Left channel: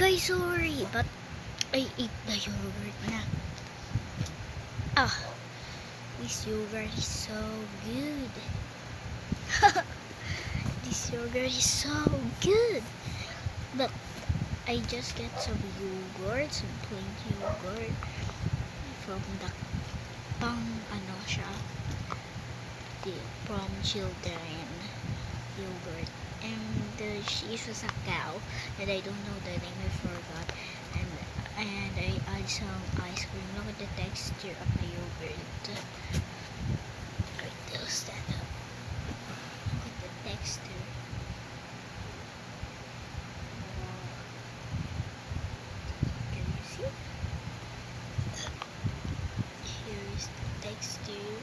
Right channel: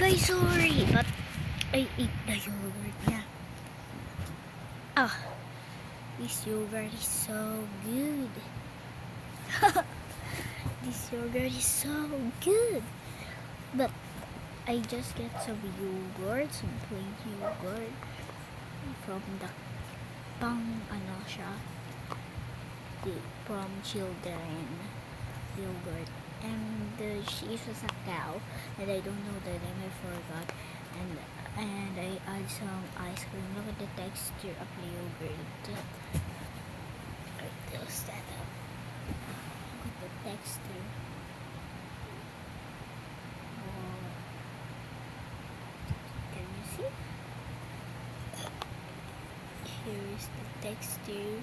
Guys, sorry, but I ate the yogurt na. This yogurt is so good. This yogurt is so good. But I just get some yogurt, some plain yogurt from the from children yogurt. And she was a cow, and I don't know the name, I forgot. And I add some ice cream. Look at the texture of the yogurt. Right, they'll stand up. Look at the texture. Oh, can you see? Here's the texture.